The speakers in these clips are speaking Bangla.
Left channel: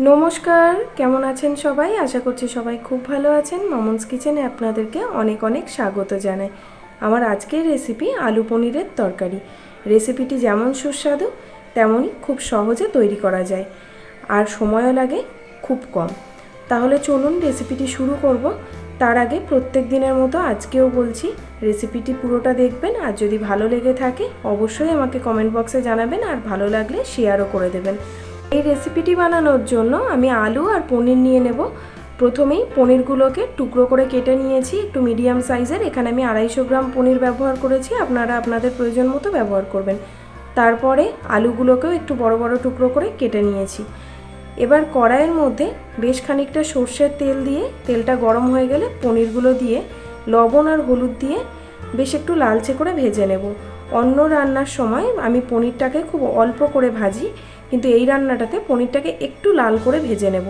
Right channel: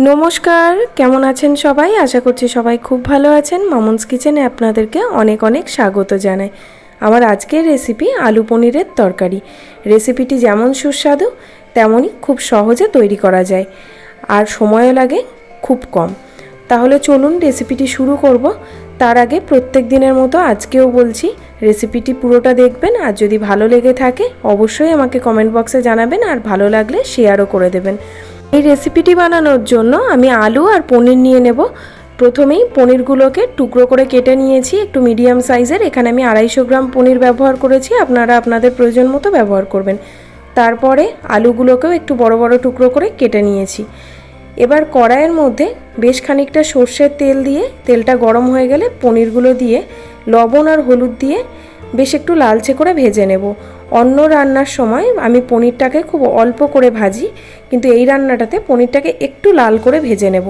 নমস্কার, কেমন আছেন সবাই? আশা করছি সবাই খুব ভালো আছেন। মামুনস কিচেনে আপনাদেরকে অনেক অনেক স্বাগত জানাই। আমার আজকের রেসিপি আলু পনিরের তরকারি। রেসিপিটি যেমন সুস্বাদু, তেমনই খুব সহজে তৈরি করা যায়। আর সময়ও লাগে খুব কম। তাহলে চলুন রেসিপিটি শুরু করব। তার আগে প্রত্যেক দিনের মতো আজকেও বলছি, রেসিপিটি পুরোটা দেখবেন আর যদি ভালো লেগে থাকে, অবশ্যই আমাকে কমেন্ট বক্সে জানাবেন আর ভালো লাগলে শেয়ারও করে দেবেন। এই রেসিপিটি বানানোর জন্য আমি আলু আর পনির নিয়ে নেব। প্রথমেই পনিরগুলোকে টুকরো করে কেটে নিয়েছি, একটু মিডিয়াম সাইজের এখানে আমি আড়াইশো গ্রাম পনির ব্যবহার করেছি, আপনারা আপনাদের প্রয়োজন মতো ব্যবহার করবেন। তারপরে আলুগুলোকেও একটু বড় বড় টুকরো করে কেটে নিয়েছি। এবার কড়াইয়ের মধ্যে বেশ খানিকটা সর্ষের তেল দিয়ে, তেলটা গরম হয়ে গেলে পনিরগুলো দিয়ে লবণ আর হলুদ দিয়ে বেশ একটু লালচে করে ভেজে নেব। অন্য রান্নার সময় আমি পনিরটাকে খুব অল্প করে ভাজি, কিন্তু এই রান্নাটাতে পনিরটাকে একটু লাল করে ভেজে নেব।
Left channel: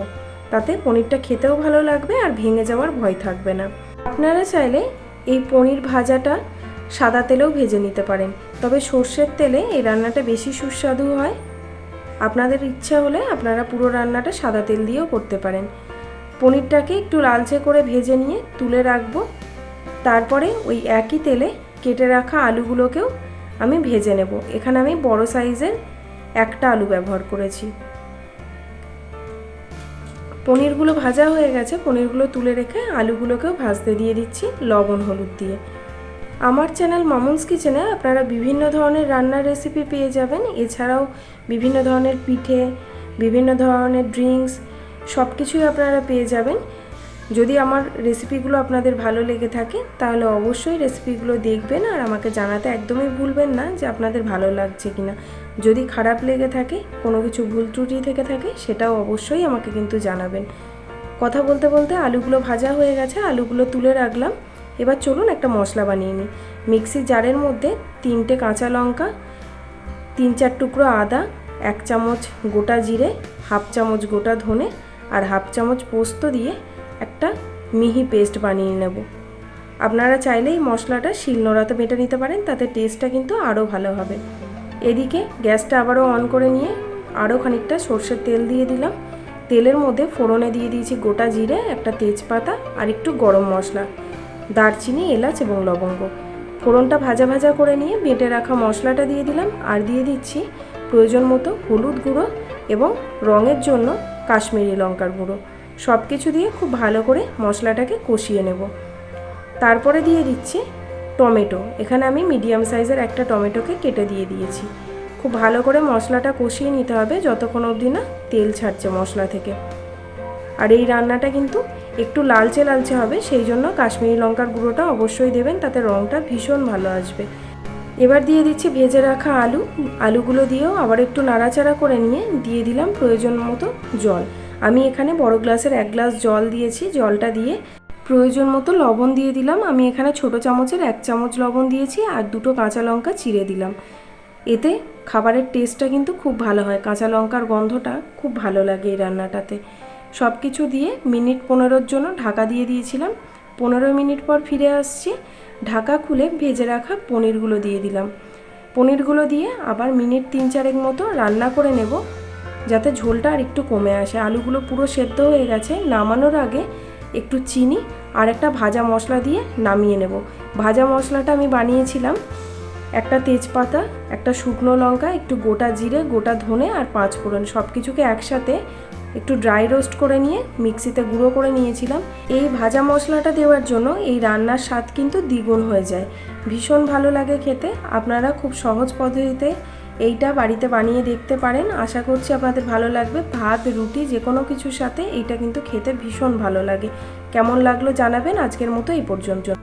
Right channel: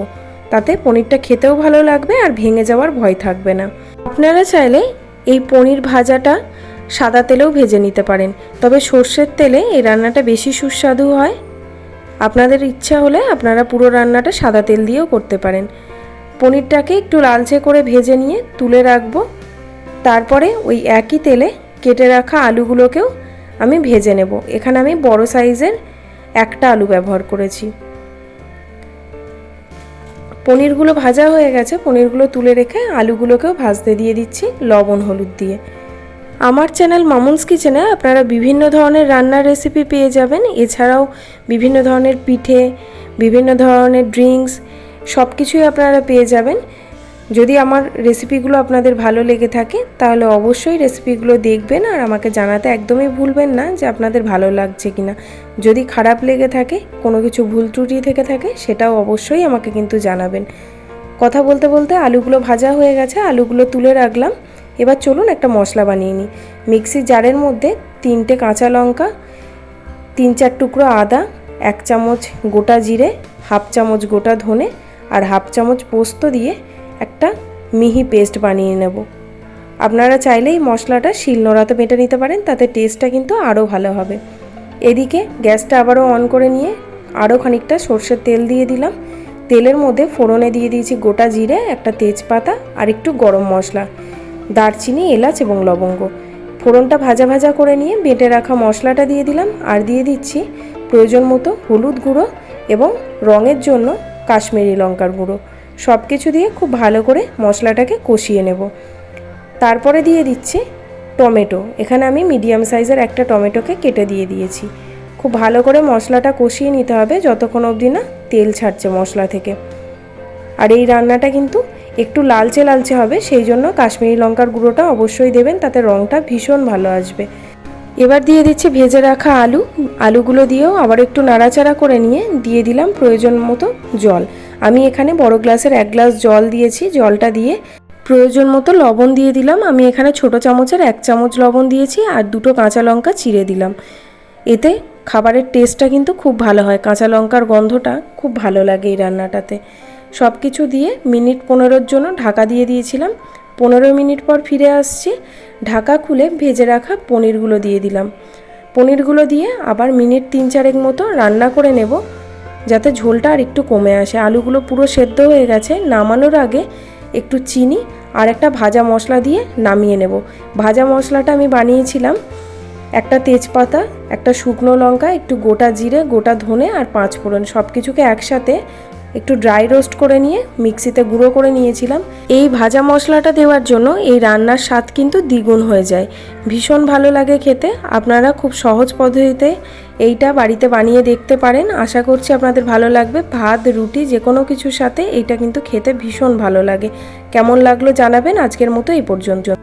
তাতে পনিরটা খেতেও ভালো লাগবে আর ভেঙে যাওয়ার ভয় থাকবে না। আপনারা চাইলে এই পনির ভাজাটা সাদা তেলেও ভেজে নিতে পারেন, তবে সর্ষের তেলে এই রান্নাটা বেশি সুস্বাদু হয়। আপনাদের ইচ্ছা হলে আপনারা পুরো রান্নাটা সাদা তেল দিয়েও করতে পারেন। পনিরটাকে একটু লালচে করে ভেজে নিয়ে তুলে রাখব। তারপরে ওই একই তেলে কেটে রাখা আলুগুলোকেও আমি ভেজে নেব। এখানে আমি বড় সাইজের একটা আলু ব্যবহার করেছি। পনিরগুলো ভাজা হয়ে গেছে। পনিরগুলো তুলে রেখে আলুগুলোকেও ভাজতে দিয়ে দিচ্ছি লবণ, হলুদ দিয়ে। আমার চ্যানেল মামুনস কিচেনে আপনারা বিভিন্ন ধরনের রান্নার রেসিপি পেয়ে যাবেন। এছাড়াও বিভিন্ন ধরনের পিঠে, বিভিন্ন ধরনের ড্রিঙ্কস সব কিছুই আপনারা পেয়ে যাবেন। যদি আমার রেসিপিগুলো আপনাদের ভালো লেগে থাকে, তাহলে অবশ্যই রেসিপিগুলো দেখবেন আর আমাকে জানাতে একদমই ভুলবেন না যে আপনাদের ভালো লাগছে কিনা। যদি খারাপ লেগে থাকে, কোনো কিছু ভুল ত্রুটি থেকে থাকে, সেটাও অবশ্যই আমাকে কিন্তু জানাবেন। কথা বলতে বলতে আলুগুলো ভাজা হয়ে গেছে, আলুগুলো তুলে রাখলাম। এবার চলুন একটা মশলা বানিয়ে নিই। মিক্সির জারের মধ্যে তিনটে কাঁচা লঙ্কা, তিন চার টুকরো আদা, এক চামচ গোটা জিরে, হাফ চামচ গোটা ধনে আর হাফ চামচ পোস্ত দিয়ে একটা মিহি পেস্ট বানিয়ে নেব। আপনারা চাইলেই মশলাটা শিলনোড়াতে বেটে নিতে পারেন, তাতে টেস্টটা কিন্তু আরও ভালো হবে। এদিকে গ্যাসটা আবারও অন করে নিয়ে আরও খানিকটা সর্ষের তেল দিয়ে দিলাম। তেলের মধ্যে ফোড়নে দিয়ে দিয়েছি গোটা জিরে, একটা তেজপাতা আর একটু গরম মশলা, দারচিনি, এলাচ এবং লবঙ্গ। ফোড়নটা ভাজা ভাজা করে নিয়ে বেটে রাখা মশলাটা দিয়ে দিলাম আর দিয়ে দিচ্ছি প্রয়োজন মতো হলুদ গুঁড়ো এবং রঙের জন্য কাশ্মীরি লঙ্কার গুঁড়ো। সব কিছু দিয়ে খুব ভালো করে মশলাটাকে কষিয়ে নেব। তারপরে দিয়ে দিচ্ছি টমেটো। এখানে আমি মিডিয়াম সাইজের একটা টমেটোকে কেটে দিয়ে দিয়েছি। খুব ভালো করে মশলাটা কষিয়ে নিতে হবে যতক্ষণ অবধি না তেল ছাড়ছে মশলা থেকে। আর এই রান্নাটা কিন্তু একটু লালচে লালচে হবে, সেই জন্য কাশ্মীরি লঙ্কার গুঁড়োটা অবশ্যই দেবেন, তাতে রঙটা ভীষণ ভালো আসবে। এবার দিয়ে দিচ্ছি ভেজে রাখা আলু। আলুগুলো দিয়েও আবার একটু নাড়াচাড়া করে নিয়ে দিয়ে দিলাম প্রয়োজন মতো জল। আমি এখানে বড় গ্লাসের এক গ্লাস জল দিয়েছি, জলটা দিয়ে প্রয়োজন মতো লবণ দিয়ে দিলাম। আমি এখানে ছোট চামচের এক চামচ লবণ দিয়েছি আর দুটো কাঁচা লঙ্কা চিড়ে দিলাম। এতে খাবারের টেস্টটা কিন্তু খুব ভালো হয়। কাঁচা লঙ্কার গন্ধটা খুব ভালো লাগে এই রান্নাটাতে। সব কিছু দিয়ে মিনিট পনেরোর জন্য ঢাকা দিয়ে দিয়েছিলাম। পনেরো মিনিট পর ফিরে আসছি। ঢাকা খুলে ভেজে রাখা পনিরগুলো দিয়ে দিলাম। পনিরগুলো দিয়ে আবার মিনিট তিন চারেক মতো রান্না করে নেব। যাতে ঝোলটা আর একটু কমে আসে। আলুগুলো পুরো সেদ্ধ হয়ে গেছে। নামানোর আগে একটু চিনি আর একটা ভাজা মশলা দিয়ে নামিয়ে নেব। ভাজা মশলাটা আমি বানিয়েছিলাম। একটা তেজপাতা, একটা শুকনো লঙ্কা, একটু গোটা জিরে, গোটা ধনে আর পাঁচ ফোড়ন। সব কিছুকে একসাথে একটু ড্রাই রোস্ট করে নিয়ে মিক্সিতে গুঁড়ো করে নিয়েছিলাম। এই ভাজা মশলাটা দেওয়ার জন্য এই রান্নার স্বাদ কিন্তু দ্বিগুণ হয়ে যায়। ভীষণ ভালো লাগে খেতে। আপনারা খুব সহজ পদ্ধতিতে এইটা বাড়িতে বানিয়ে দেখতে পারেন। আশা করছি আপনাদের ভালো লাগবে। ভাত, রুটি যে কোনো কিছুর সাথে এইটা কিন্তু খেতে ভীষণ ভালো লাগে। কেমন লাগল জানাবেন আজকের মতো এই পর্যন্ত।